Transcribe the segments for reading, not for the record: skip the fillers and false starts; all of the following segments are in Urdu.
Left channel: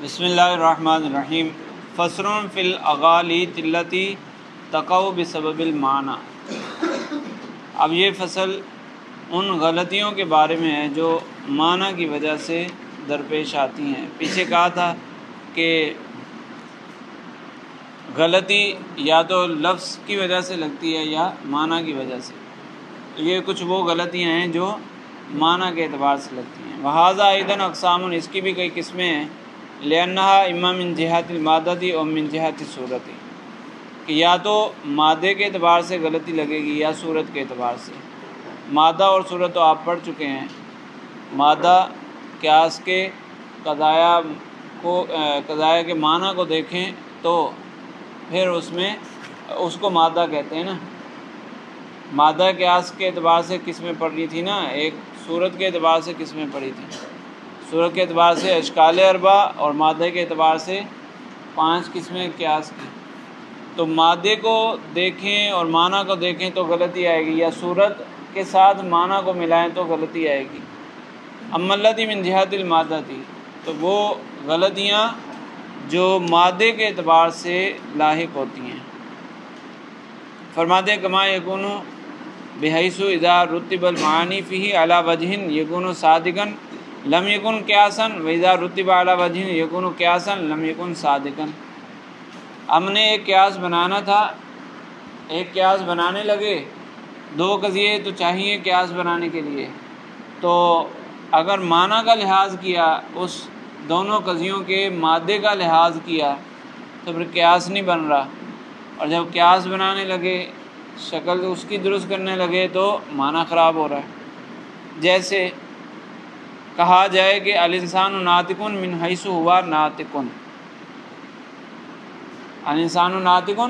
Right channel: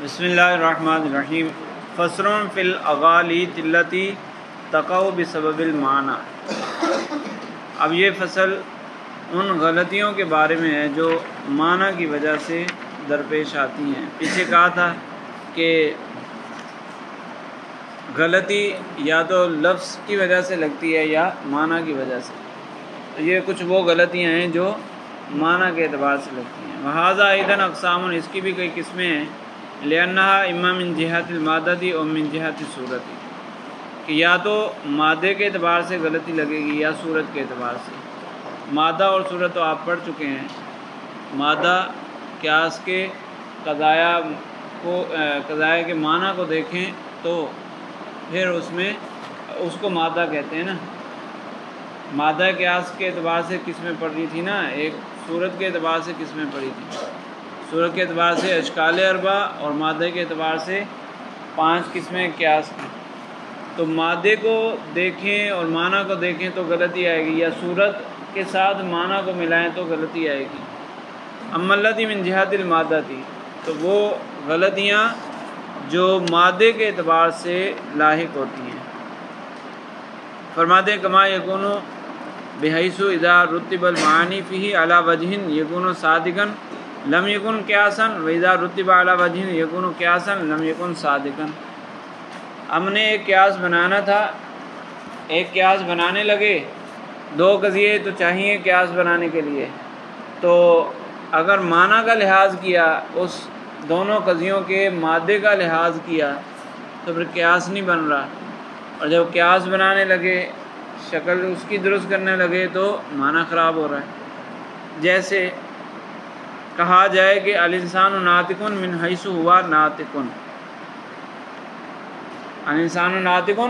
بسم اللہ الرحمن الرحیم۔ فصل فی الاغالیط التی تقع بسبب المعنی۔ اب یہ فصل ان غلطیوں کے بارے میں ہے جو معنی کی وجہ سے درپیش آتی ہیں۔ پیچھے کہا تھا کہ غلطی یا تو لفظ کی وجہ سے لگتی ہے یا معنی کی وجہ سے، تو یہ کچھ وہ غلطیاں ہیں جو معنی کے اعتبار سے لگتی ہیں۔ وہذا ایدن اقسام، اس کی بھی کئی قسمیں ہیں۔ لأنہا اما من جہت المادتی اور من جہت صورتی، کہ یا تو مادے کے اعتبار سے غلطی لگے گی یا صورت کے اعتبار سے۔ مادہ اور صورت تو آپ پڑھ چکے ہیں۔ مادہ قیاس کے قضایا کے معنی کو دیکھیں تو پھر اس کو مادہ کہتے ہیں نا۔ مادہ قیاس کے اعتبار سے قسمیں پڑھ رہی تھی نا، ایک صورت کے اعتبار سے قسمیں پڑھی تھی۔ صورت کے اعتبار سے اشکال اربع اور مادہ کے اعتبار سے 5 قسمیں قیاس کی۔ تو مادے کو دیکھیں اور معنی کو دیکھیں تو غلطی آئے گی، یا صورت کے ساتھ معنی کو ملائیں تو غلطی آئے گی۔ اما التی من جہت المادتی، تو وہ غلطیاں جو مادے کے اعتبار سے لاحق ہوتی ہیں۔ فرماتے ہیں کما یکون بحیث اذا رتب المعانی فیہ علی وجہ یکون صادقا لم یکن قیاسا واذا رتب علی وجہ یکون قیاسا لم یکن صادقا۔ ہم نے ایک قیاس بنانا تھا، ایک قیاس بنانے لگے، 2 قضیے تو چاہیے قیاس بنانے کے لیے، تو اگر معنی کا لحاظ کیا، اس دونوں قضیوں کے مادے کا لحاظ کیا تو پھر قیاس نہیں بن رہا، اور جب قیاس بنانے لگے، شکل اس کی درست کرنے لگے تو معنی خراب ہو رہا ہے۔ جیسے کہا جائے کہ الانسان ناطق من حیث ہوا ناطق، الانسان ناطق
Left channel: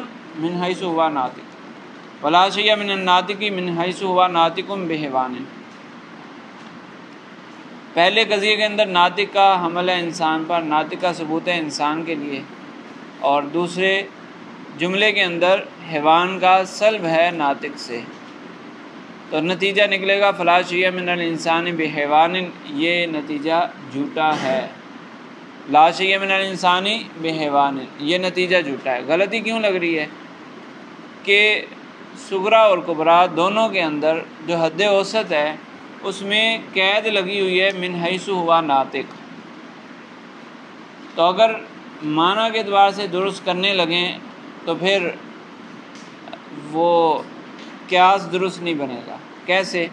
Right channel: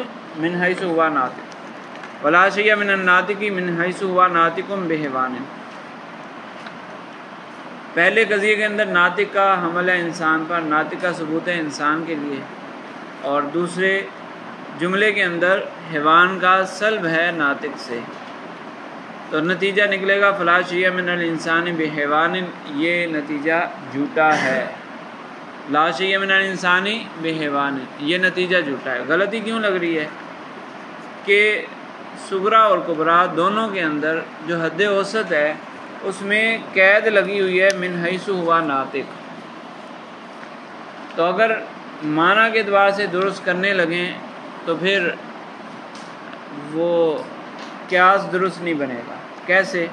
من حیث ہوا ناطق ولا شیء من الناطق من حیث ہوا ناطق بحیوان۔ پہلے قضیے کے اندر ناطق کا حمل ہے انسان پر، ناطق کا ثبوت ہے انسان کے لیے، اور دوسرے جملے کے اندر حیوان کا سلب ہے ناطق سے، تو نتیجہ نکلے گا فلا شیء من الانسان بحیوان، یہ نتیجہ جھوٹا ہے۔ لا شیء من الانسان بحیوان، یہ نتیجہ جھوٹا ہے۔ غلطی کیوں لگ رہی ہے کہ صغریٰ اور کبریٰ دونوں کے اندر جو حد اوسط ہے اس میں قید لگی ہوئی ہے من حیث ہوا ناطق، تو اگر معنی کے اعتبار سے درست کرنے لگیں تو پھر وہ قیاس درست نہیں بنے گا۔ کیسے؟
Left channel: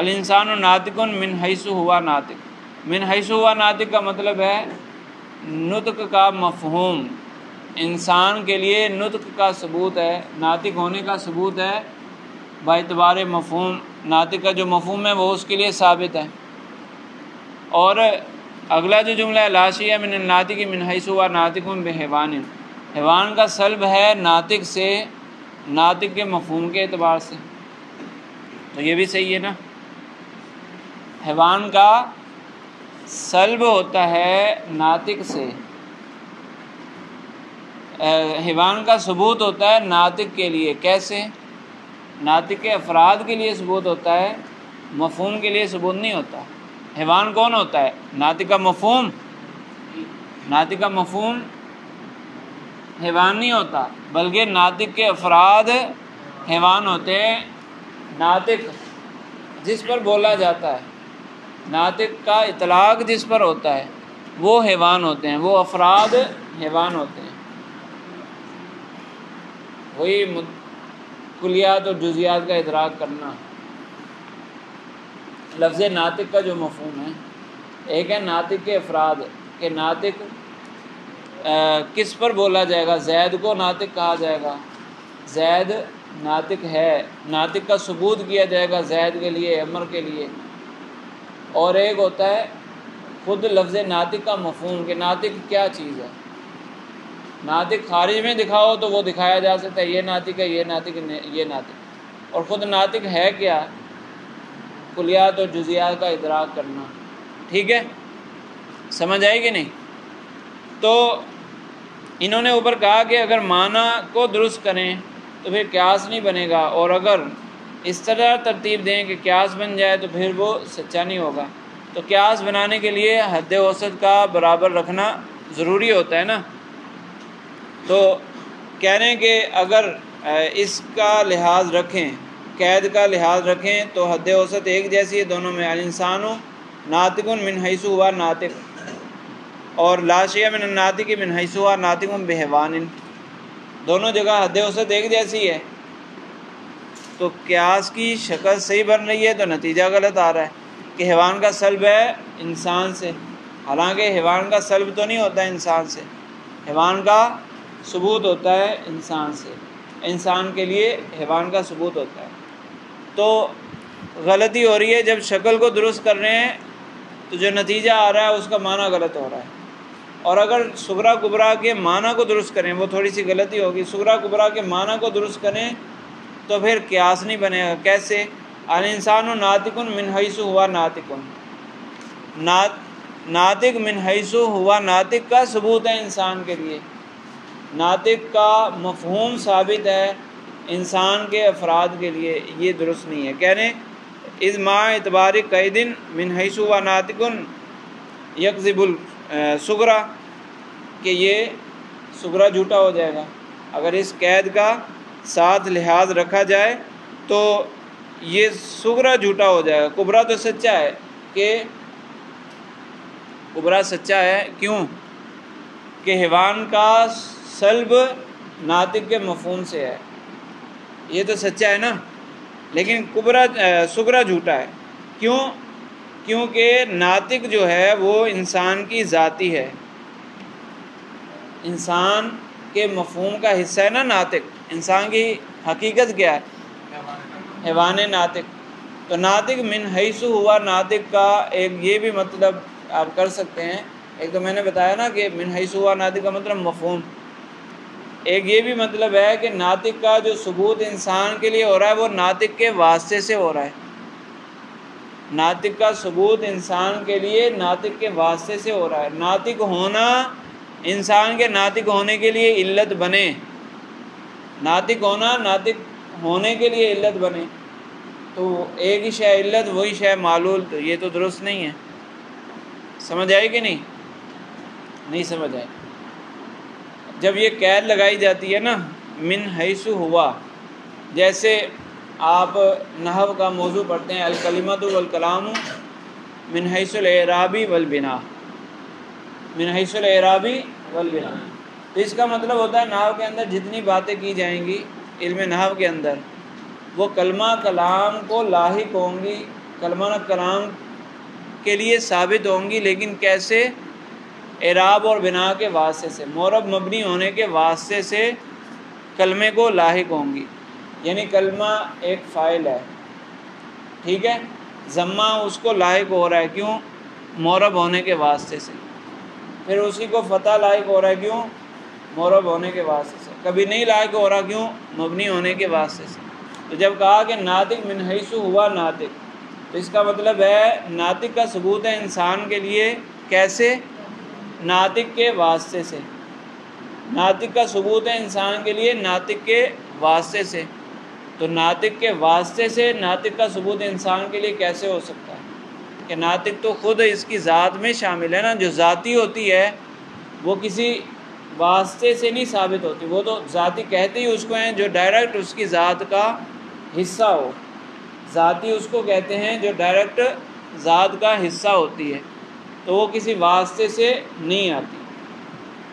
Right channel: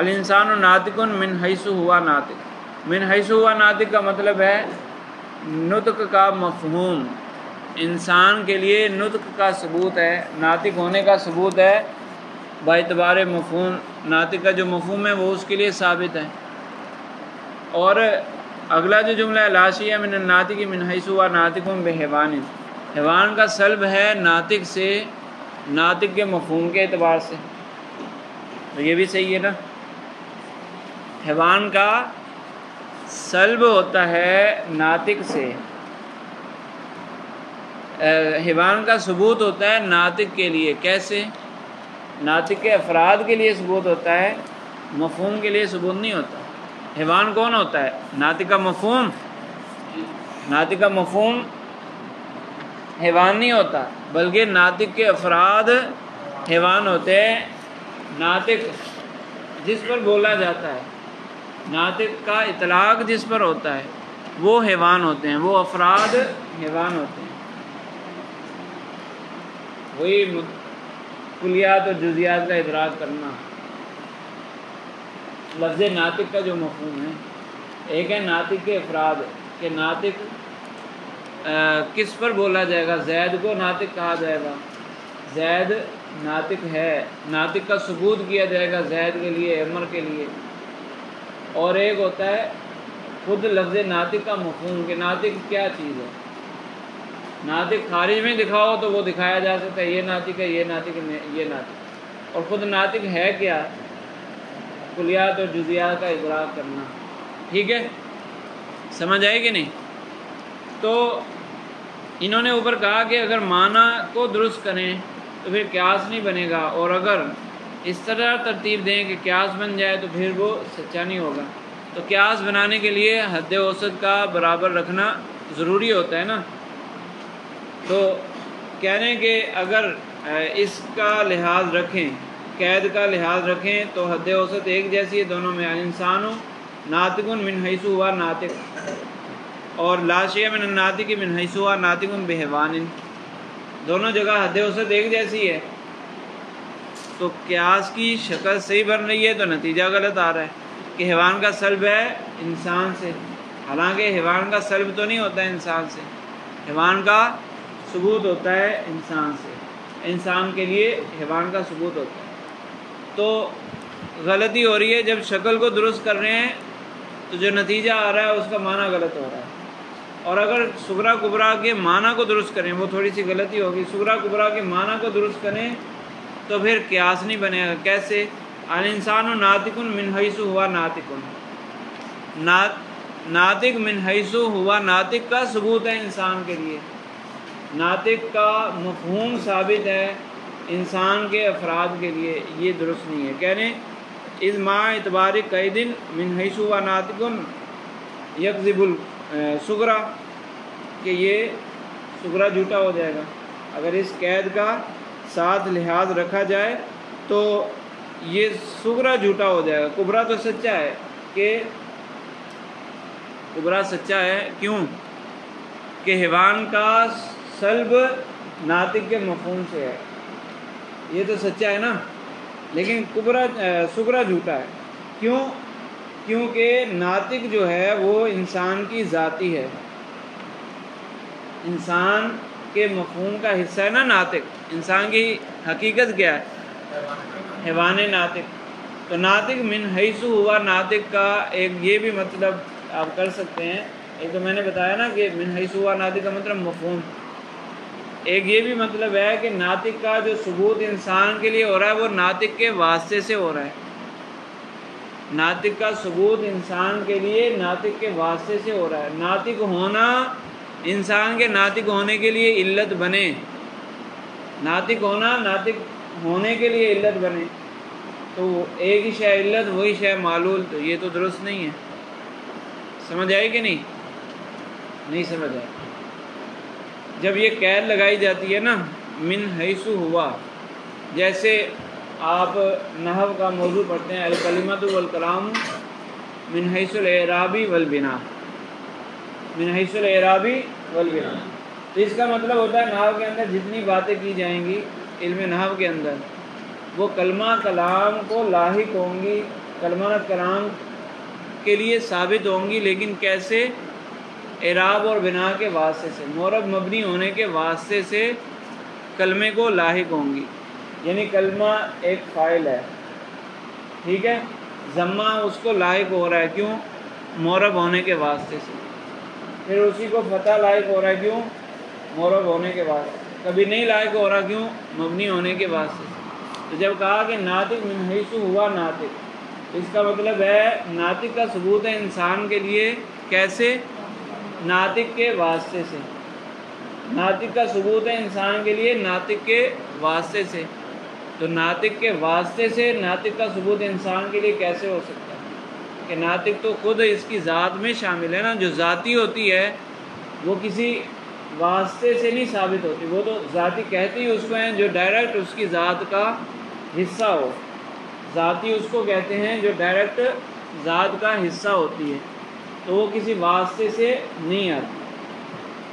الانسان ناطق من حیث ہوا ناطق، من حیث ہوا ناطق کا مطلب ہے نطق کا مفہوم، انسان کے لیے نطق کا ثبوت ہے، ناطق ہونے کا ثبوت ہے باعتبار مفہوم، ناطق کا جو مفہوم ہے وہ اس کے لیے ثابت ہے۔ اور اگلا جو جملہ ہے لا شیء من الناطق من حیث ہوا ناطق بحیوان، حیوان کا سلب ہے ناطق سے، ناطق کے مفہوم کے اعتبار سے، تو یہ بھی صحیح ہے نا۔ حیوان کا سلب ہوتا ہے ناطق سے، حیوان کا ثبوت ہوتا ہے ناطق کے لیے۔ کیسے؟ ناطق کے افراد کے لیے ثبوت ہوتا ہے، مفہوم کے لیے ثبوت نہیں ہوتا۔ حیوان کون ہوتا ہے؟ ناطق کا مفہوم، ناطق کا مفہوم حیوان نہیں ہوتا، بلکہ ناطق کے افراد حیوان ہوتے ہیں۔ ناطق جس پر بولا جاتا ہے، ناطق کا اطلاق جس پر ہوتا ہے وہ حیوان ہوتے ہیں، وہ افراد حیوان ہوتے ہیں۔ وہی کلیات اور جزیات کا ادراک کرنا۔ لفظ ناطق کا جو مفہوم ہے، ایک ہے ناطق کے افراد، کہ ناطق کس پر بولا جائے گا، زید کو ناطق کہا جائے گا، زید ناطق ہے، ناطق کا ثبوت کیا جائے گا زید کے لیے، عمر کے لیے۔ اور ایک ہوتا ہے خود لفظ ناطق کا مفہوم، کہ ناطق کیا چیز ہے۔ ناطق خارج میں دکھاؤ تو وہ دکھایا جا سکتا ہے، یہ ناطق ہے، یہ ناطق ہے، یہ ناطق، اور خود ناطق ہے کیا، کلیات اور جزیات کا ادراک کرنا۔ ٹھیک ہے، سمجھ آئے کہ نہیں؟ تو انہوں نے اوپر کہا کہ اگر معنی کو درست کریں تو پھر قیاس نہیں بنے گا، اور اگر اس طرح ترتیب دیں کہ قیاس بن جائے تو پھر وہ سچا نہیں ہوگا۔ تو تو قیاس بنانے کے لیے حد اوسط کا برابر رکھنا ضروری ہوتا ہے نا. تو کہہ رہے ہیں کہ اگر اس کا لحاظ رکھیں، قید کا لحاظ رکھیں تو حد اوسط ایک جیسی ہے دونوں میں. الانسان ناطق من حیث ہوا ناطق، اور لا شیء من الناطق من حیث ہوا ناطق بحیوان، دونوں جگہ حد اوسط ایک جیسی ہے. تو قیاس کی شکل صحیح بن رہی ہے تو نتیجہ غلط آ رہا ہے کہ حیوان کا سلب ہے انسان سے، حالانکہ حیوان کا سلب تو نہیں ہوتا ہے انسان سے، حیوان کا ثبوت ہوتا ہے انسان سے، انسان کے لیے حیوان کا ثبوت ہوتا ہے. تو غلطی ہو رہی ہے جب شکل کو درست کر رہے ہیں تو جو نتیجہ آ رہا ہے اس کا معنی غلط ہو رہا ہے. اور اگر صغریٰ کبریٰ کے معنی کو درست کریں، وہ تھوڑی سی غلطی ہوگی، صغریٰ کبریٰ کے معنی کو درست کریں تو پھر قیاس نہیں بنے گا. کیسے؟ الانسان ناطق من حیث ہوا ناطق، ناطق من حیث ہوا ناطق کا ثبوت ہے انسان کے لیے، ناطق کا مفہوم ثابت ہے انسان کے افراد کے لیے، یہ درست نہیں ہے. کہہ رہے ہیں از ما اعتبار قید من حیث ہوا ناطق یکذب الصغریٰ، کہ یہ صغریٰ جھوٹا ہو جائے گا اگر اس قید کا ساتھ لحاظ رکھا جائے تو یہ صغریٰ جھوٹا ہو جائے گا. کبریٰ تو سچا ہے، کہ کبریٰ سچا ہے کیوں کہ حیوان کا سلب ناطق کے مفہوم سے ہے، یہ تو سچا ہے نا. لیکن صغریٰ جھوٹا ہے کیوں؟ کیونکہ ناطق جو ہے وہ انسان کی ذاتی ہے، انسان کے مفہوم کا حصہ ہے نا ناطق. انسان کی حقیقت کیا ہے؟ حیوان ناطق. تو ناطق من حیث ہوا ناطق کا ایک یہ بھی مطلب آپ کر سکتے ہیں، ایک تو میں نے بتایا نا کہ من حیث ہوا ناطق کا مطلب مفہوم، ایک یہ بھی مطلب ہے کہ ناطق کا جو ثبوت انسان کے لیے ہو رہا ہے وہ ناطق کے واسطے سے ہو رہا ہے. ناطق کا ثبوت انسان کے لیے ناطق کے واسطے سے ہو رہا ہے. ناطق ہونا انسان کے ناطق ہونے کے لیے علت بنے، ناطق ہونا ناطق ہونے کے لیے علت بنے، تو ایک ہی شے علت وہی شے معلول، تو یہ تو درست نہیں ہے. سمجھ آئی کہ نہیں سمجھ آئی؟ جب یہ قید لگائی جاتی ہے نا من حیث ہوا، جیسے آپ نحو کا موضوع پڑھتے ہیں الکلمۃ والکلام من حیث الاعراب والبناء، من حیث الاعراب والبناء، تو اس کا مطلب ہوتا ہے نحو کے اندر جتنی باتیں کی جائیں گی علم نحو کے اندر وہ کلمہ کلام کو لاحق ہوں گی، کلمہ کلام کے لیے ثابت ہوں گی، لیکن کیسے؟ اعراب اور بنا کے واسطے سے، معرب مبنی ہونے کے واسطے سے کلمے کو لاحق ہوں گی. یعنی کلمہ ایک فاعل ہے، ٹھیک ہے، ضمہ اس کو لاحق ہو رہا ہے کیوں؟ معرب ہونے کے واسطے سے. پھر اسی کو فتح لاحق ہو رہا ہے کیوں؟ معرب ہونے کے واسطے سے. کبھی نہیں لاحق ہو رہا کیوں؟ مبنی ہونے کے واسطے سے. تو جب کہا کہ ناطق من حیث ہوا ناطق، تو اس کا مطلب ہے ناطق کا ثبوت ہے انسان کے لیے، کیسے؟ ناطق کے واسطے سے. ناطق کا ثبوت ہے انسان کے لیے ناطق کے واسطے سے. تو ناطق کے واسطے سے ناطق کا ثبوت انسان کے لیے کیسے ہو سکتا ہے؟ کہ ناطق تو خود اس کی ذات میں شامل ہے نا، جو ذاتی ہوتی ہے وہ کسی واسطے سے نہیں ثابت ہوتی، وہ تو ذاتی کہتے ہی اس کو ہیں جو ڈائریکٹ اس کی ذات کا حصہ ہو. ذاتی اس کو کہتے ہیں جو ڈائریکٹ ذات کا حصہ ہوتی ہے، تو وہ کسی واسطے سے نہیں آتی.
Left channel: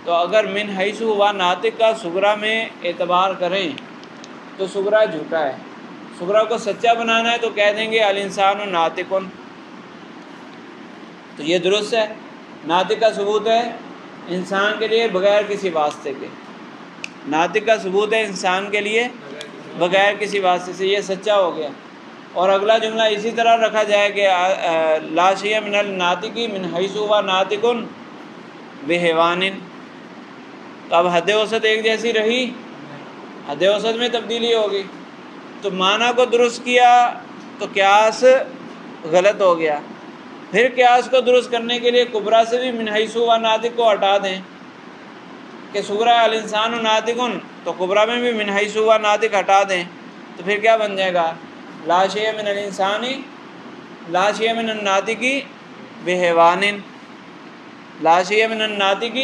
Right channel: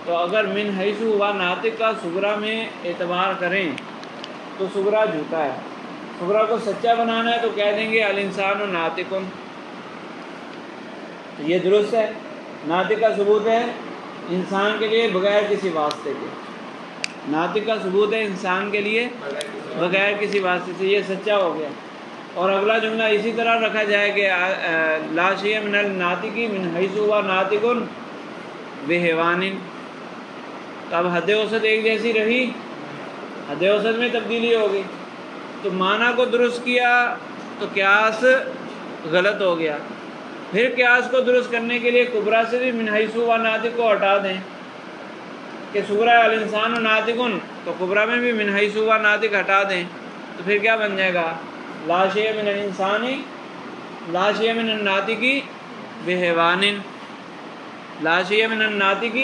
تو اگر من حیث ہوا ناطق کا صغریٰ میں اعتبار کریں تو صغریٰ جھوٹا ہے. صغریٰ کو سچا بنانا ہے تو کہہ دیں گے الانسان ناطق، تو یہ درست ہے. ناطق کا ثبوت ہے انسان کے لیے بغیر کسی واسطے کے، ناطق کا ثبوت ہے انسان کے لیے بغیر کسی واسطے سے، یہ سچا ہو گیا. اور اگلا جملہ اسی طرح رکھا جائے کہ لا شیء من الناطق من حیث ہوا ناطق بحیوان، تو اب حد اوسط ایک جیسی رہی، حد اوسط میں تبدیلی ہوگی. تو معنی کو درست کیا تو قیاس غلط ہو گیا. پھر قیاس کو درست کرنے کے لیے کبریٰ سے بھی من حیث ہوا ناطق کو ہٹا دیں کہ صغریٰ الانسان ناطق، تو کبریٰ میں بھی من حیث ہوا ناطق ہٹا دیں، تو پھر کیا بن جائے گا؟ لا شیء من الانسان لا شیء من الناطق بحیوان، لا شیء من الناطق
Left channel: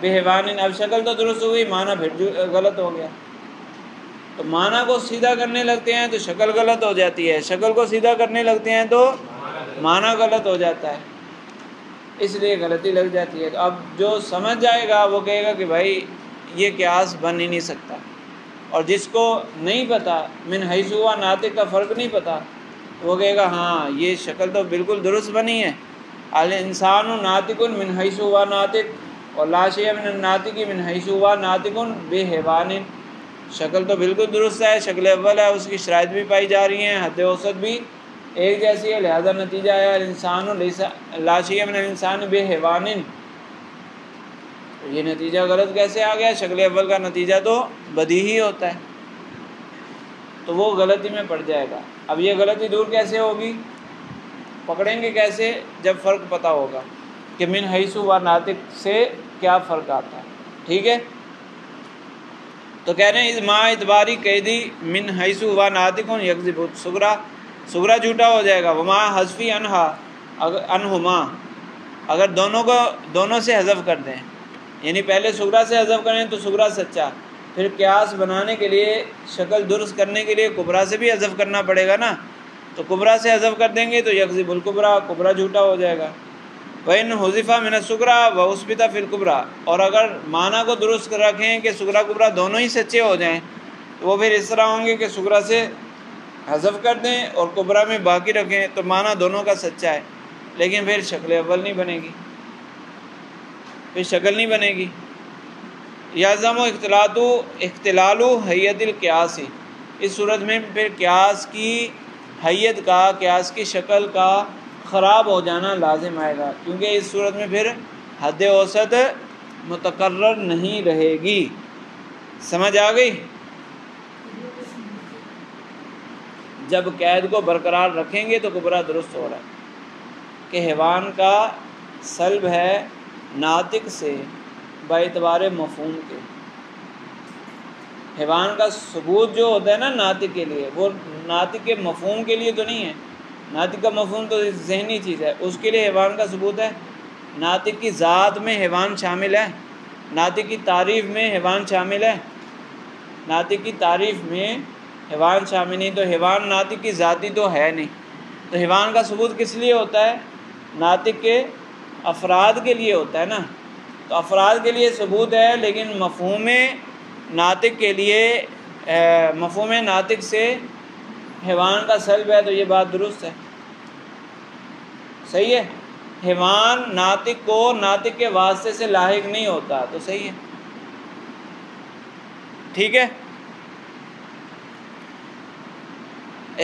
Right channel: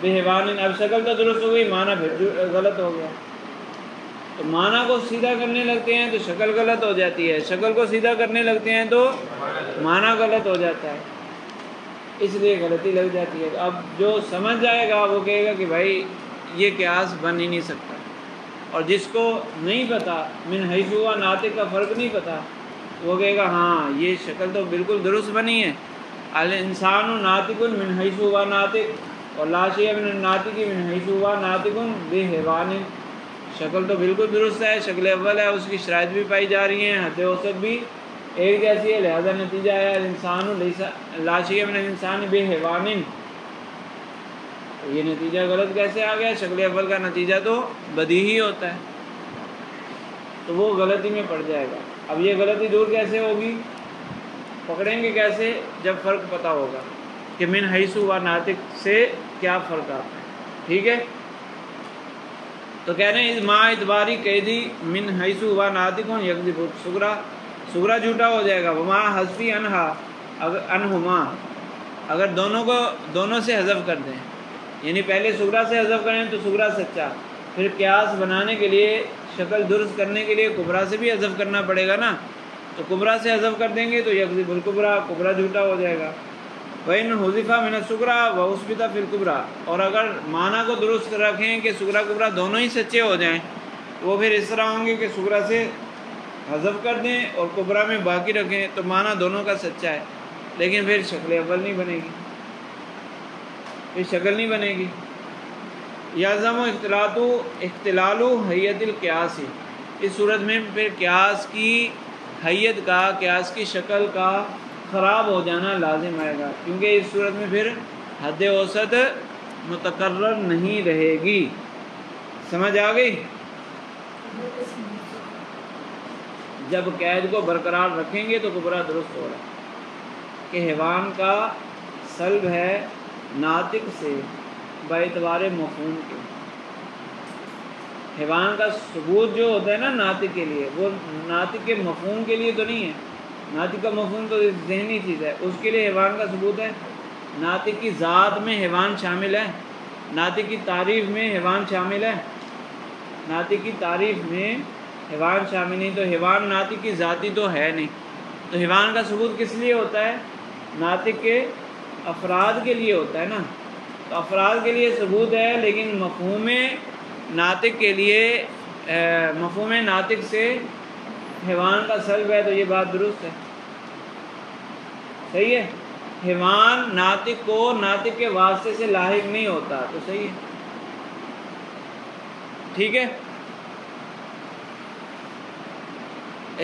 بحیوان، اب شکل تو درست ہوئی، معنی پھر غلط ہو گیا. تو معنی کو سیدھا کرنے لگتے ہیں تو شکل غلط ہو جاتی ہے، شکل کو سیدھا کرنے لگتے ہیں تو معنی غلط ہو جاتا ہے، اس لیے غلطی لگ جاتی ہے. تو اب جو سمجھ جائے گا وہ کہے گا کہ بھائی یہ قیاس بن ہی نہیں سکتا. اور جس کو نہیں پتہ، من حیث ہوا ناطق کا فرق نہیں پتہ، وہ کہے گا ہاں یہ شکل تو بالکل درست بنی ہے، الانسان ناطق من حیث ہوا ناطق اور لا شیء من الناطق من حیث ہوا ناطق بحیوان، شکل تو بالکل درست ہے، شکل اول ہے، اس کی شرائط بھی پائی جا رہی ہیں، حد اوسط بھی ایک جیسی ہے، لہذا نتیجہ ہے الانسان لا شیء من الانسان بحیوان. یہ نتیجہ غلط کیسے آ گیا؟ شکل اول کا نتیجہ تو بدیہی ہوتا ہے، تو وہ غلطی میں پڑ جائے گا. اب یہ غلطی دور کیسے ہوگی؟ پکڑیں گے کیسے؟ جب فرق پتہ ہوگا کہ من حیث و ناطق سے کیا فرق آتا ہے. ٹھیک ہے، تو کہہ رہے ہیں ما اعتباری قیدی من حیث و ناطق یکذب صغرا، صغرا جھوٹا ہو جائے گا. وما حذفی انہما، اگر دونوں سے حذف کر دیں، یعنی پہلے صغرا سے حذف کریں تو صغرا سچا، پھر قیاس بنانے کے لیے شکل درست کرنے کے لیے کبرا سے بھی حذف کرنا پڑے گا نا، تو کبرا سے حذف کر دیں گے تو یکذب الکبرا، کبرا جھوٹا ہو جائے گا. وَإِنْ حُذِفَ مِنَ الصُّغْرَى وَأُثْبِتَ فِي الْكُبْرَى، اور اگر معنی کو درست رکھیں کہ صغرا کبرا دونوں ہی سچے ہو جائیں تو وہ پھر اس طرح ہوں گے کہ صغرا سے حذف کر دیں اور کبرا میں باقی رکھیں تو معنی دونوں کا سچا ہے، لیکن پھر شکل اول نہیں بنے گی، پھر شکل نہیں بنے گی. یلزم اختلال حیت القیاس، اس صورت میں پھر قیاس کی حیت کا، قیاس کی شکل کا خراب ہو جانا لازم آئے گا، کیونکہ اس صورت میں پھر حد اوسط متقرر نہیں رہے گی. سمجھ آ گئی؟ جب قید کو برقرار رکھیں گے تو کبرا درست ہو رہا ہے کہ حیوان کا سلب ہے ناطق سے باعتبار مفہوم کے. حیوان کا ثبوت جو ہوتا ہے نا ناطق کے لیے، وہ ناطق کے مفہوم کے لیے تو نہیں ہے. ناطق کا مفہوم تو ذہنی چیز ہے، اس کے لیے حیوان کا ثبوت ہے. ناطق کی ذات میں حیوان شامل ہے، ناطق کی تعریف میں حیوان شامل ہے، ناطق کی تعریف میں حیوان شامل نہیں، تو حیوان ناطق کی ذاتی تو ہے نہیں. تو حیوان کا ثبوت کس لیے ہوتا ہے؟ ناطق کے افراد کے لیے ہوتا ہے نا، تو افراد کے لیے ثبوت ہے، لیکن مفہوم ناطق کے لیے مفہوم ناطق سے حیوان کا سلب ہے، تو یہ بات درست ہے، صحیح ہے. حیوان ناطق کو ناطق کے واسطے سے لاحق نہیں ہوتا، تو صحیح ہے، ٹھیک ہے.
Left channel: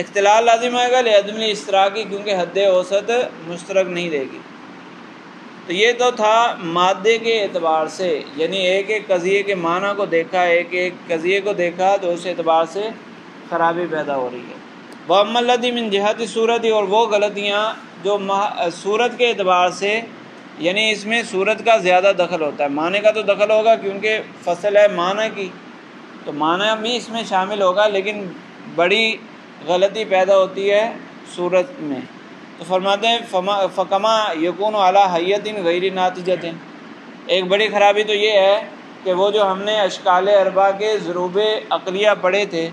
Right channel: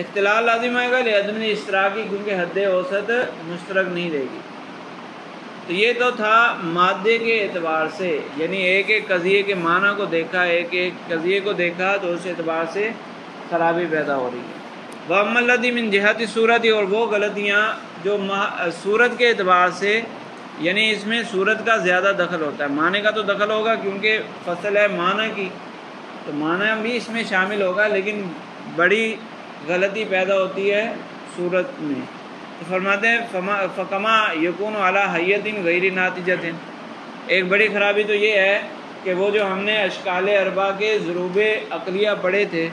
اختلال لازم آئے گا لعدم اشتراکی، کیونکہ حد اوسط مشترک نہیں رہے گی. تو یہ تو تھا مادے کے اعتبار سے، یعنی ایک ایک قضیے کے معنی کو دیکھا، ایک ایک قضیے کو دیکھا، تو اس اعتبار سے خرابی پیدا ہو رہی ہے. وَأَمَّا الَّذِي مِنْ جِهَةِ الصُّورَةِ، اور وہ غلطیاں جو صورت کے اعتبار سے، یعنی اس میں صورت کا زیادہ دخل ہوتا ہے، معنی کا تو دخل ہوگا کیونکہ فصل ہے معنی کی، تو معنی بھی اس میں شامل ہوگا، لیکن بڑی غلطی پیدا ہوتی ہے صورت میں. تو فرماتے ہیں فکما یکون علی حیت غیر ناتجۃ، ایک بڑی خرابی تو یہ ہے کہ وہ جو ہم نے اشکال اربع کے ضروب عقلیہ پڑھے تھے،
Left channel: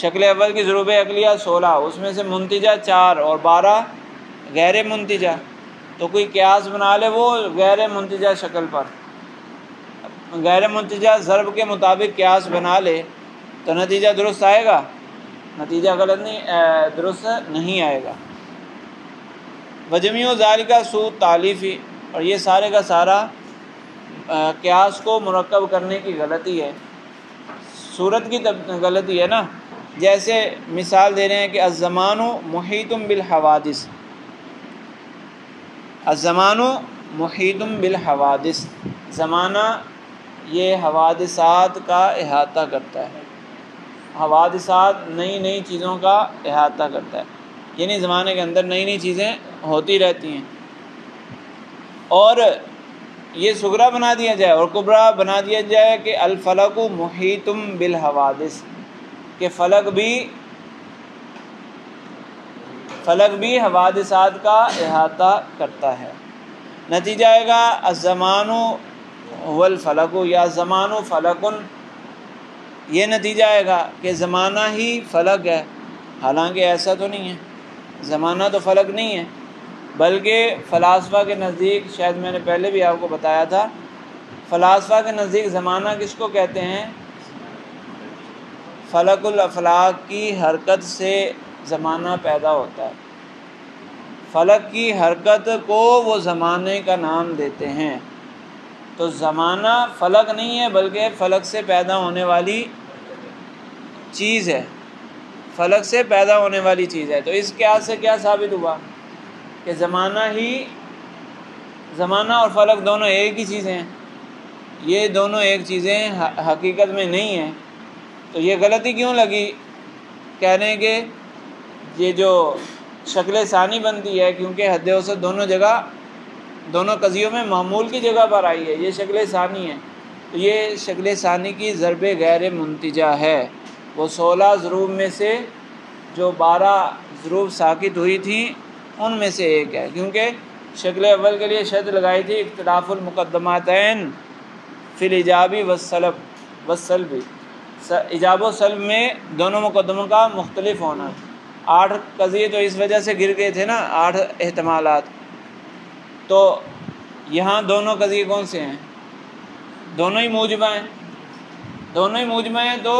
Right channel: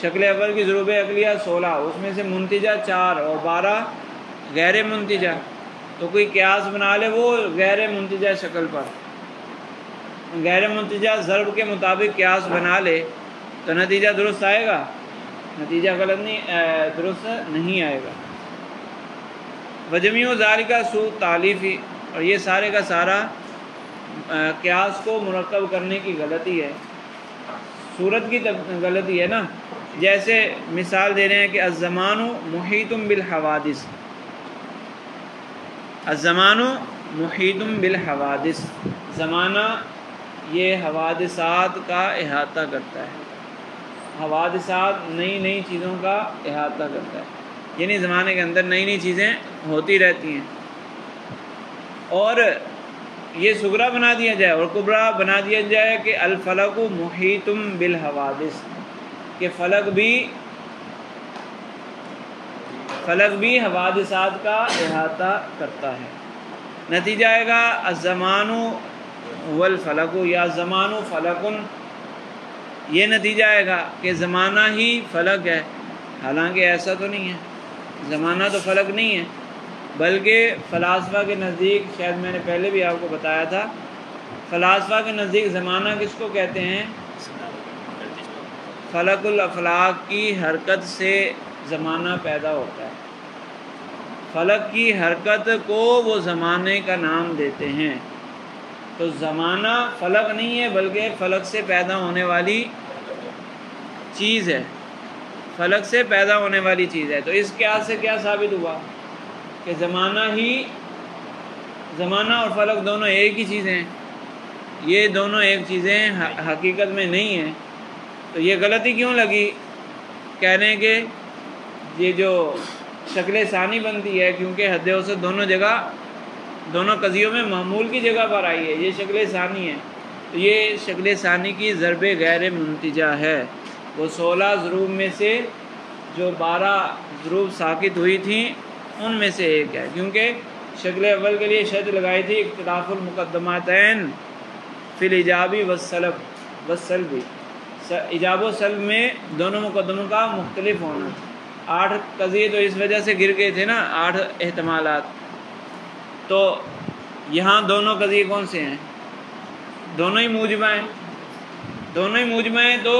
شکل اول کی ضروب عقلیہ 16، اس میں سے منتجہ 4 اور 12 غیر منتجہ، تو کوئی قیاس بنا لے وہ غیر منتجہ شکل پر، غیر منتجہ ضرب کے مطابق قیاس بنا لے تو نتیجہ درست آئے گا؟ نتیجہ غلط نہیں، درست نہیں آئے گا. وجمیع ذالک سوء تالیفی، اور یہ سارے کا سارا قیاس کو مرکب کرنے کی غلطی ہے، صورت کی غلطی ہے نا. جیسے مثال دے رہے ہیں کہ الزمان محیط بالحوادث، الزمان محیط بالحوادث، زمانہ یہ حوادثات کا احاطہ کرتا ہے، حوادثات نئی نئی چیزوں کا احاطہ کرتا ہے، یعنی زمانے کے اندر نئی نئی چیزیں ہوتی رہتی ہیں. اور یہ صغرا بنا دیا جائے اور کبرا بنا دیا جائے کہ الفلک محیط بالحوادث، کہ فلک بھی فلک بھی حوادثات کا احاطہ کرتا ہے۔ نتیجہ آئے گا الزمان هو الفلک یا الزمان فلک، یہ نتیجہ آئے گا کہ زمانہ ہی فلک ہے، حالانکہ ایسا تو نہیں ہے، زمانہ تو فلک نہیں ہے، بلکہ فلاسفہ کے نزدیک، شاید میں نے پہلے بھی آپ کو بتایا تھا، فلاسفہ کے نزدیک زمانہ کس کو کہتے ہیں؟ فلک الافلاک کی حرکت سے زمانہ پیدا ہوتا ہے، فلک کی حرکت کو وہ زمانے کا نام دیتے ہیں۔ تو زمانہ فلک نہیں ہے بلکہ فلک سے پیدا ہونے والی چیز ہے، فلک سے پیدا ہونے والی چیز ہے۔ تو اس قیاس سے کیا ثابت ہوا کہ زمانہ اور فلک دونوں ایک ہی چیزیں ہیں، یہ دونوں ایک چیزیں حقیقت میں نہیں ہیں۔ تو یہ غلطی کیوں لگی کہنے کہ یہ جو شکل ثانی بنتی ہے، کیونکہ حد اوسط دونوں قضیوں میں معمول کی جگہ پر آئی ہے، یہ شکل ثانی ہے، تو یہ شکل ثانی کی ضرب غیر منتجہ ہے، وہ 16 ضروب میں سے جو 12 ضروب ساکت ہوئی تھیں ان میں سے ایک ہے، کیونکہ شکل اول کے لیے شرط لگائی تھی اختلاف المقدماتین فی الایجابی والسلبی، ایجاب و سلب میں دونوں مقدموں کا مختلف ہونا۔ 8 قضیے تو اس وجہ سے گر گئے تھے نا، 8 احتمالات، تو یہاں دونوں قضیے کون سے ہیں؟ دونوں ہی موجبہ ہیں، دونوں ہی موجبہ ہیں، تو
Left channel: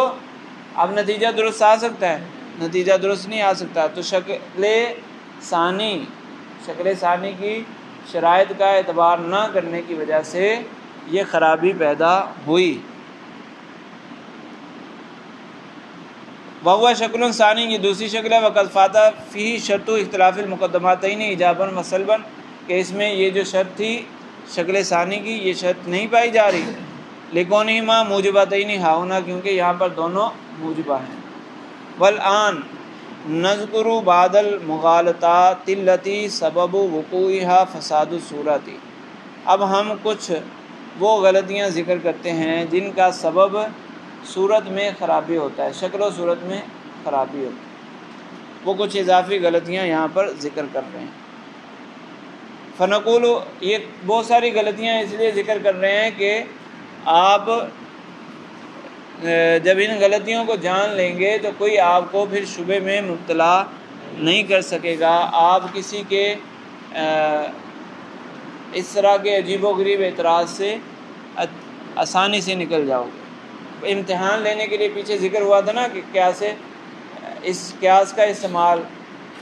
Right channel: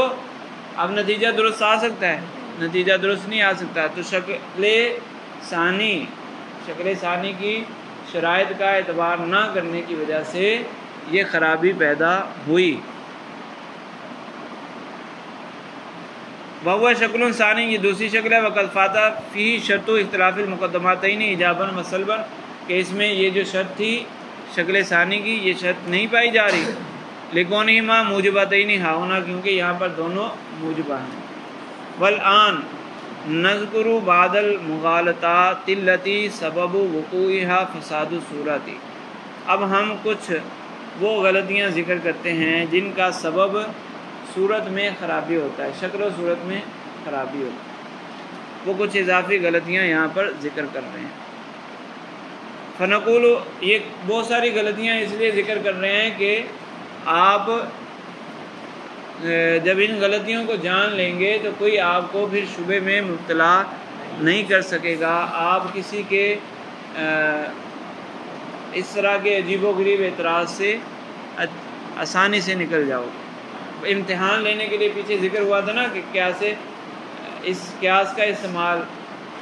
اب نتیجہ درست آ سکتا ہے؟ نتیجہ درست نہیں آ سکتا۔ تو شکل ثانی کی شرائط کا اعتبار نہ کرنے کی وجہ سے یہ خرابی پیدا ہوئی۔ وہو شکل ثانی، یہ دوسری شکل ہے، وقد فات فیہ شرط اختلاف المقدماتین ایجابا و سلبا، کہ اس میں یہ جو شرط تھی شکل ثانی کی، یہ شرط نہیں پائی جا رہی، لکونہما موجبتین ہاہنا، کیونکہ یہاں پر دونوں موجبہ ہیں۔ والآن نذکر بعض المغالطات التي سبب وقوعها فساد الصورت، اب ہم کچھ وہ غلطیاں ذکر کرتے ہیں جن کا سبب صورت میں خرابی ہوتا ہے، شکل و صورت میں خرابی ہوتی ہے، وہ کچھ اضافی غلطیاں یہاں پر ذکر کر رہے ہیں۔ فنقول، یہ بہت ساری غلطیاں اس لیے ذکر کر رہے ہیں کہ آپ جب ان غلطیوں کو جان لیں گے تو کوئی آپ کو پھر شبہ میں مبتلا نہیں کر سکے گا، آپ کسی کے اس طرح کے عجیب و غریب اعتراض سے آسانی سے نکل جاؤ گے۔ امتحان لینے کے لیے پیچھے ذکر ہوا تھا نا کہ اس قیاس کا استعمال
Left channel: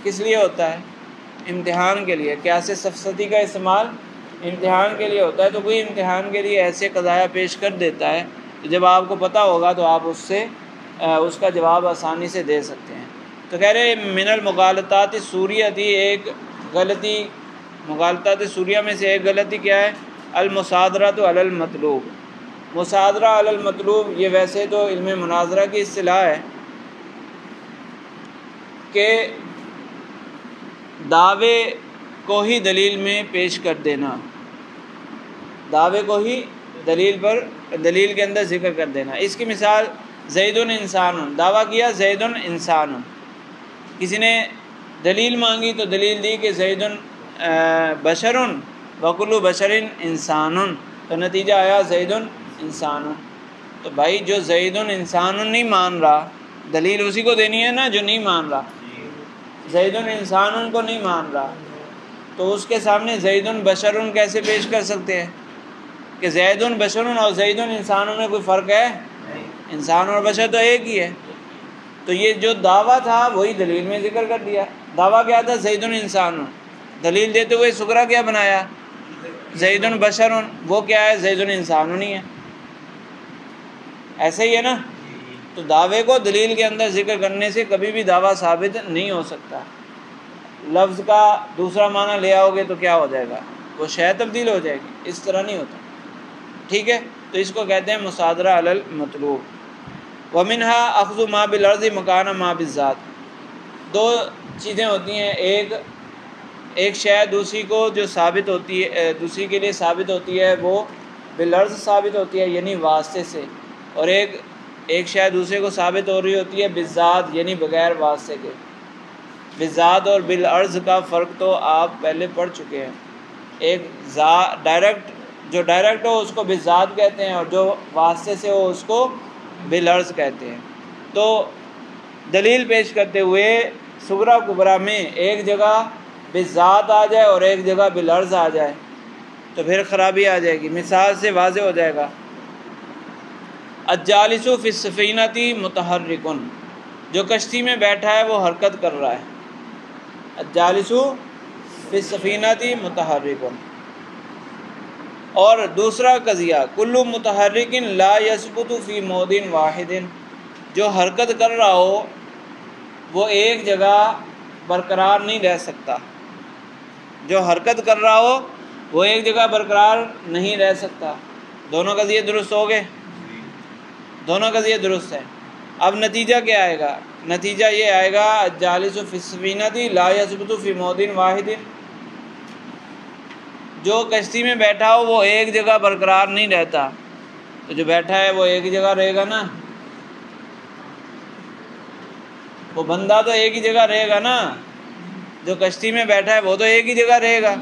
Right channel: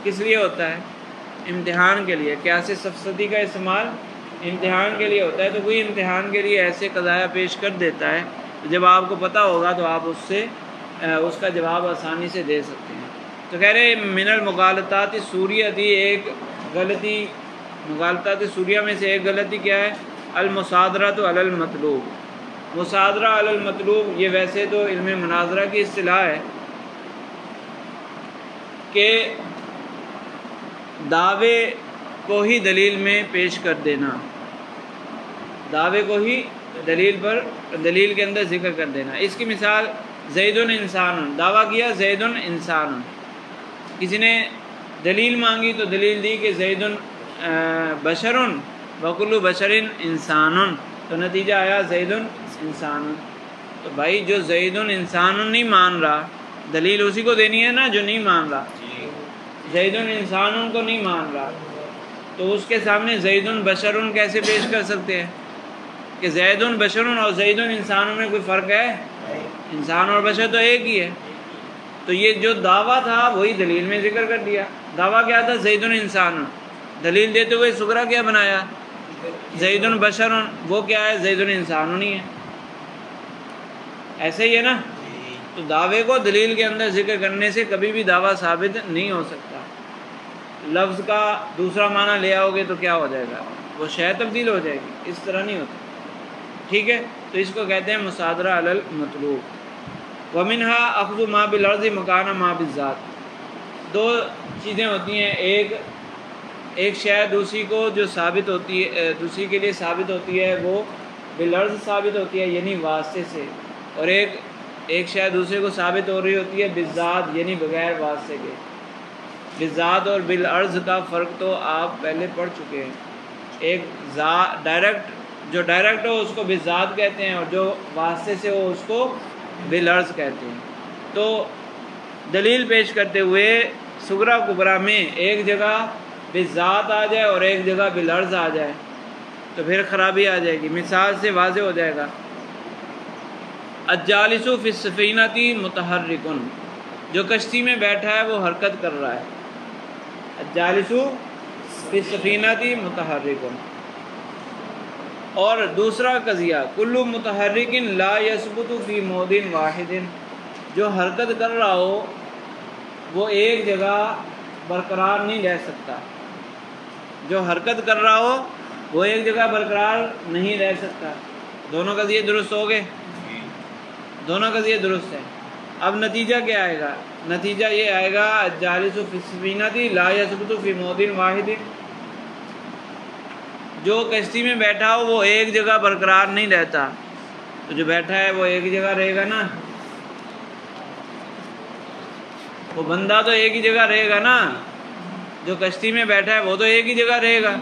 کس لیے ہوتا ہے؟ امتحان کے لیے۔ قیاس سفسطی کا استعمال امتحان کے لیے ہوتا ہے، تو کوئی امتحان کے لیے ایسے قضایا پیش کر دیتا ہے، جب آپ کو پتہ ہوگا تو آپ اس کا جواب آسانی سے دے سکتے ہیں۔ تو کہہ رہے من المغالطات السوریہ تھی ایک غلطی، مغالطات سوریہ میں سے ایک غلطی کیا ہے؟ المصادرۃ علی المطلوب، مصادرہ علی المطلوب، یہ ویسے تو علم مناظرہ کی اصطلاح ہے کہ دعوے کو ہی دلیل میں پیش کر دینا، دعوے کو ہی دلیل کے اندر ذکر کر دینا۔ اس کی مثال زید انسان، دعویٰ کیا زید انسان، کسی نے دلیل مانگی تو دلیل دی کہ زید بشر وکل بشر انسان، تو نتیجہ آیا زید انسان۔ تو بھائی جو زید انسان نہیں مان رہا، دلیل اسی کو دینی ہے نا جو نہیں مان رہا، زید انسان کو نہیں مان رہا، تو اس کے سامنے زید بشر کیسے پیش کر سکتے ہیں کہ زید بشر اور زید انسان میں کوئی فرق ہے؟ انسان اور بشر تو ایک ہی ہے۔ تو یہ جو دعویٰ تھا وہی دلیل میں ذکر کر دیا۔ دعویٰ کیا تھا؟ زید انسان، دلیل دیتے ہوئے سغرا کیا بنایا؟ زید بشر، وہ کیا ہے؟ زید انسان نہیں ہے، ایسے ہی ہے نا۔ تو دعوے کو دلیل کے اندر ذکر کرنے سے کبھی بھی دعویٰ ثابت نہیں ہو سکتا۔ لفظ کا دوسرا معنی لے آؤ گے تو کیا ہو جائے گا؟ وہ شے تبدیل ہو جائے گی، اس طرح نہیں ہوتا، ٹھیک ہے۔ تو اس کو کہتے ہیں مصادرہ علی المطلوب۔ ومنها اخذ ما بالعرض مکان ما بالذات، دو چیزیں ہوتی ہیں، ایک شے دوسری کو جو ثابت ہوتی ہے، دوسری کے لیے ثابت ہوتی ہے، وہ بالعرض ثابت ہوتی ہے یعنی واسطے سے، اور ایک شے دوسرے کو ثابت ہو رہی ہوتی ہے بالذات یعنی بغیر واسطے کے۔ بالذات اور بالعرض کا فرق تو آپ پہلے پڑھ چکے ہیں. ایک ڈائریکٹ، جو ڈائریکٹ ہو اس کو بالذات کہتے ہیں، اور جو واسطے سے ہو اس کو بالعرض کہتے ہیں. تو دلیل پیش کرتے ہوئے صغریٰ کبریٰ میں ایک جگہ بالذات آ جائے اور ایک جگہ بالعرض آ جائے تو پھر خرابی آ جائے گی. مثال سے واضح ہو جائے گا. الجالس فی السفینۃ متحرک، جو کشتی میں بیٹھا ہے وہ حرکت کر رہا ہے. الجالس فی السفینۃ متحرک. اور دوسرا قضیہ کل متحرک لا یثبت فی موضع واحد، جو حرکت کر رہا ہو وہ ایک جگہ برقرار نہیں رہ سکتا. جو حرکت کر رہا ہو وہ ایک جگہ برقرار نہیں رہ سکتا. دونوں قضیے درست ہو گئے، دونوں قضیے درست ہیں. اب نتیجہ کیا آئے گا؟ نتیجہ یہ آئے گا الجالس فی السفینۃ لا یثبت فی موضع واحد، جو کشتی میں بیٹھا ہو وہ ایک جگہ برقرار نہیں رہتا. تو جو بیٹھا ہے وہ ایک جگہ رہے گا نا، وہ بندہ تو ایک ہی جگہ رہے گا نا. جو کشتی میں بیٹھا ہے وہ تو ایک ہی جگہ رہے گا.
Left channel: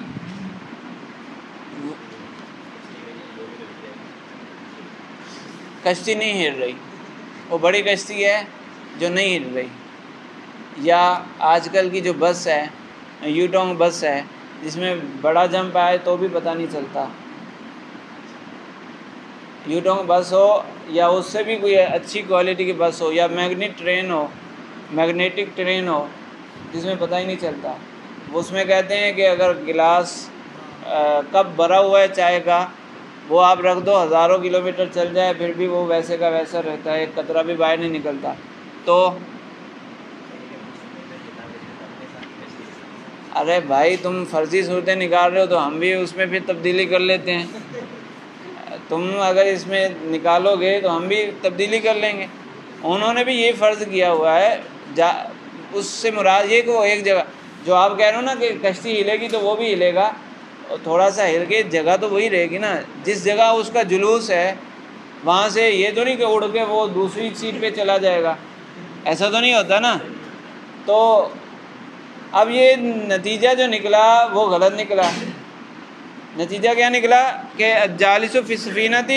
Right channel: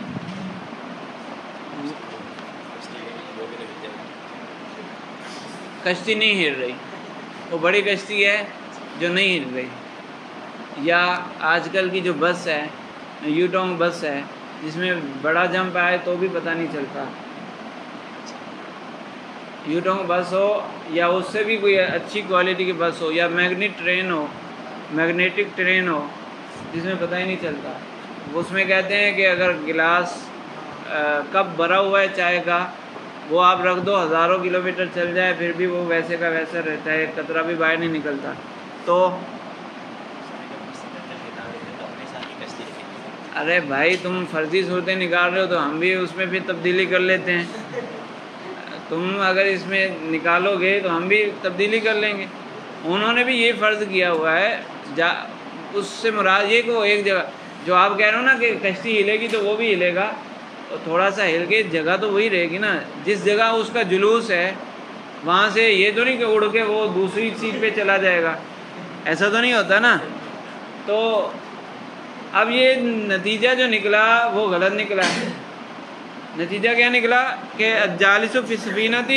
کشتی نہیں ہل رہی، وہ بڑی کشتی ہے جو نہیں ہل رہی. یا آج کل کی جو بس ہے، یوٹونگ بس ہے، جس میں بڑا جمپ آئے تو بھی پتہ نہیں چلتا. یوٹونگ بس ہو یا اس سے بھی کوئی اچھی کوالٹی کی بس ہو، یا میگنیٹک ٹرین ہو جس میں پتہ ہی نہیں چلتا. اس میں کہتے ہیں کہ اگر گلاس کپ بھرا ہوا ہے چائے کا، وہ آپ رکھ دو، ہزاروں کلومیٹر چل جائے پھر بھی وہ ویسے کا ویسا رہتا ہے، ایک قطرہ بھی باہر نہیں نکلتا. تو ارے بھائی تم فرضی صورتیں نکال رہے ہو تو ہم بھی اس میں پھر تبدیلی کر لیتے ہیں. تم اگر اس میں نکالو گے تو ہم بھی تبدیلی کر لیں گے. انہوں نے بھی یہ فرض کیا ہوا ہے. اس سے مراد یہ کہ وہ ایک جگہ، جو آپ کہہ رہے ہو نا کہ کشتی ہلے گی تو وہ بھی ہلے گا، اور تھوڑا سا ہل کے جگہ تو وہی رہے گی نا. جس جگہ اس کا جلوس ہے وہاں سے یہ تو نہیں کہ اڑ کے وہ دوسری سیٹ پہ چلا جائے گا، ایسا تو نہیں ہوتا نا. تو اب یہ نتیجہ جو نکلا وہ غلط نکلا ہے. نتیجہ کیا نکلا کہ الجالس فی السفینۃ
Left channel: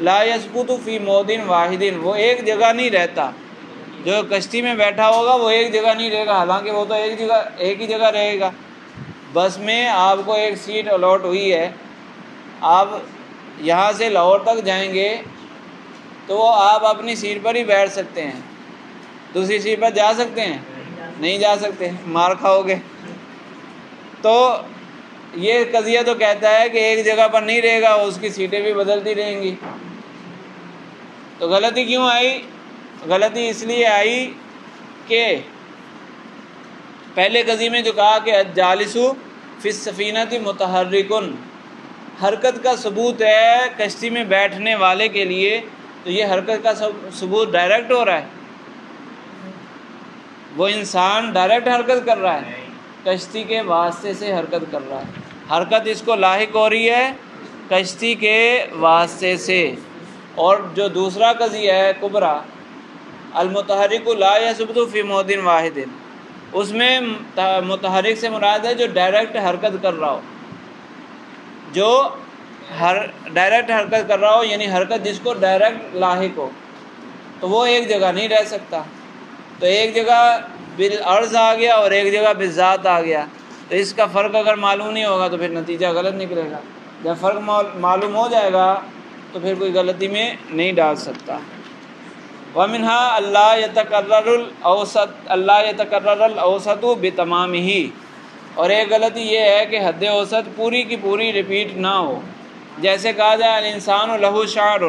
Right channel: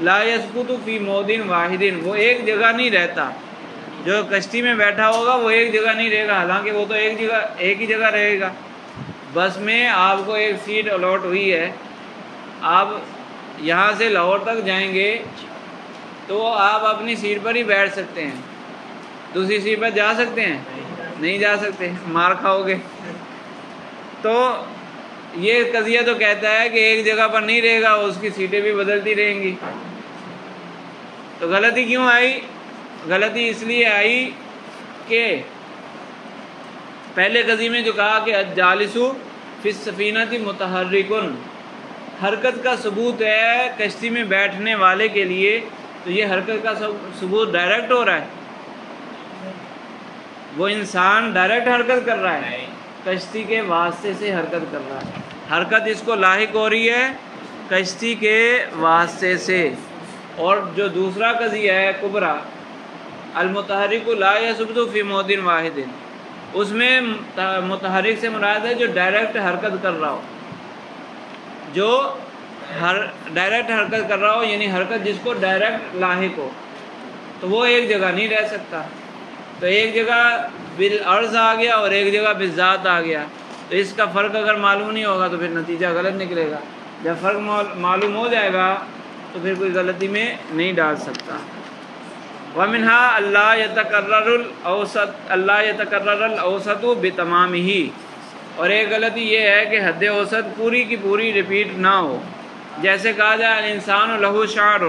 لا یثبت فی موضع واحد، وہ ایک جگہ نہیں رہتا. جو کشتی میں بیٹھا ہوگا وہ ایک جگہ نہیں رہے گا، حالانکہ وہ تو ایک ہی جگہ رہے گا. بس میں آپ کو ایک سیٹ الاٹ ہوئی ہے، آپ یہاں سے لاہور تک جائیں گے تو آپ اپنی سیٹ پر ہی بیٹھ سکتے ہیں. دوسری سیٹ پر جا سکتے ہیں؟ نہیں جا سکتے، مار کھاؤ گے. تو یہ قضیہ تو کہتا ہے کہ ایک جگہ پر نہیں رہے گا، اس کی سیٹیں بھی بدلتی رہیں گی. تو غلطی کیوں آئی؟ غلطی اس لیے آئی کہ پہلے قضیے میں جو کہا کہ الجالس فی السفینۃ متحرک، حرکت کا ثبوت ہے کشتی میں بیٹھنے والے کے لیے، تو یہ حرکت کا ثبوت ڈائریکٹ ہو رہا ہے. وہ انسان ڈائریکٹ حرکت کر رہا ہے، کشتی کے واسطے سے حرکت کر رہا ہے. حرکت اس کو لاحق ہو رہی ہے کشتی کے واسطے سے. اور جو دوسرا قضیہ ہے کبریٰ، المتحرک لا یثبت فی موضع واحد، اس میں متحرک سے مراد ہے جو ڈائریکٹ حرکت کر رہا ہو. جو ڈائریکٹ حرکت کر رہا ہو، یعنی حرکت جس کو ڈائریکٹ لاحق ہو، تو وہ ایک جگہ نہیں رہ سکتا. تو ایک جگہ بالعرض آ گیا اور ایک جگہ بالذات آ گیا. اس کا فرق اگر معلوم نہیں ہوگا تو پھر نتیجہ غلط نکلے گا. جب فرق معلوم ہو جائے گا تو پھر کوئی غلطی میں نہیں ڈال سکتا. وَمِنْهَا أَلَّا يَتَكَرَّرَ الْأَوْسَطُ بِتَمَامِهِ، اور ایک غلطی یہ ہے کہ حد اوسط پوری کی پوری ریپیٹ نہ ہو. جیسے کہا جائے الانسان لہو شعر،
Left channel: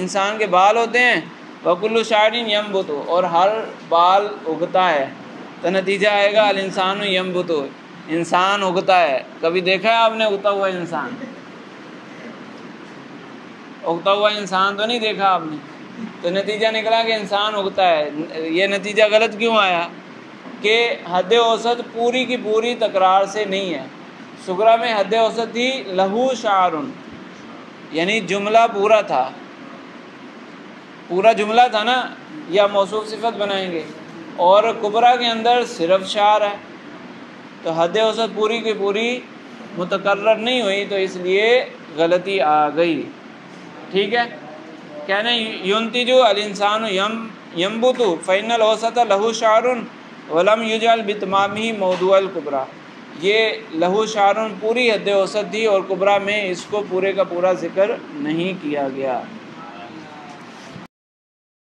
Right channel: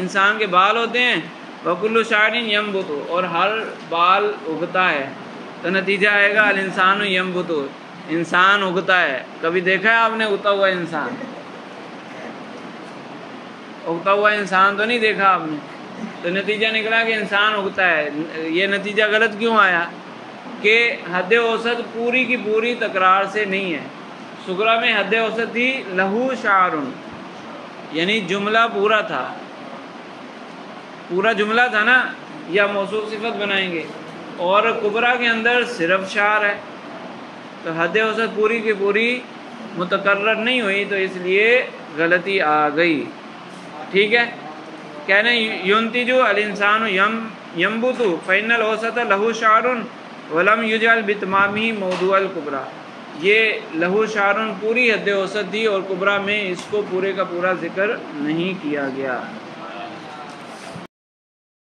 انسان کے بال ہوتے ہیں، وَكُلُّ شَعْرٍ يَنْبُتُ، اور ہر بال اگتا ہے. تو نتیجہ آئے گا الانسان ينبت، انسان اگتا ہے. کبھی دیکھا ہے آپ نے اگتا ہوا انسان؟ اگتا ہوا انسان تو نہیں دیکھا آپ نے. تو نتیجہ نکلا کہ انسان اگتا ہے. یہ نتیجہ غلط کیوں آیا؟ کہ حد اوسط پوری کی پوری تکرار سے نہیں ہے. صغریٰ میں حد اوسط تھی لہو شعر، یعنی جملہ پورا تھا، پورا جملہ تھا نا، یا موصوف صفت بنائیں گے. اور کبریٰ کے اندر صرف شعر ہے، تو حد اوسط پوری کی پوری متکرر نہیں ہوئی، تو اس لیے غلطی آ گئی، ٹھیک ہے۔ کہنا ینتجو الانسان ینبت فإن الاوسط له شعر ولم یجعل بتمامہ موضوع الکبریٰ، یہ لہو شعر پوری حد اوسط تھی اور کبریٰ میں اس کو پورے کا پورا ذکر نہیں کیا گیا۔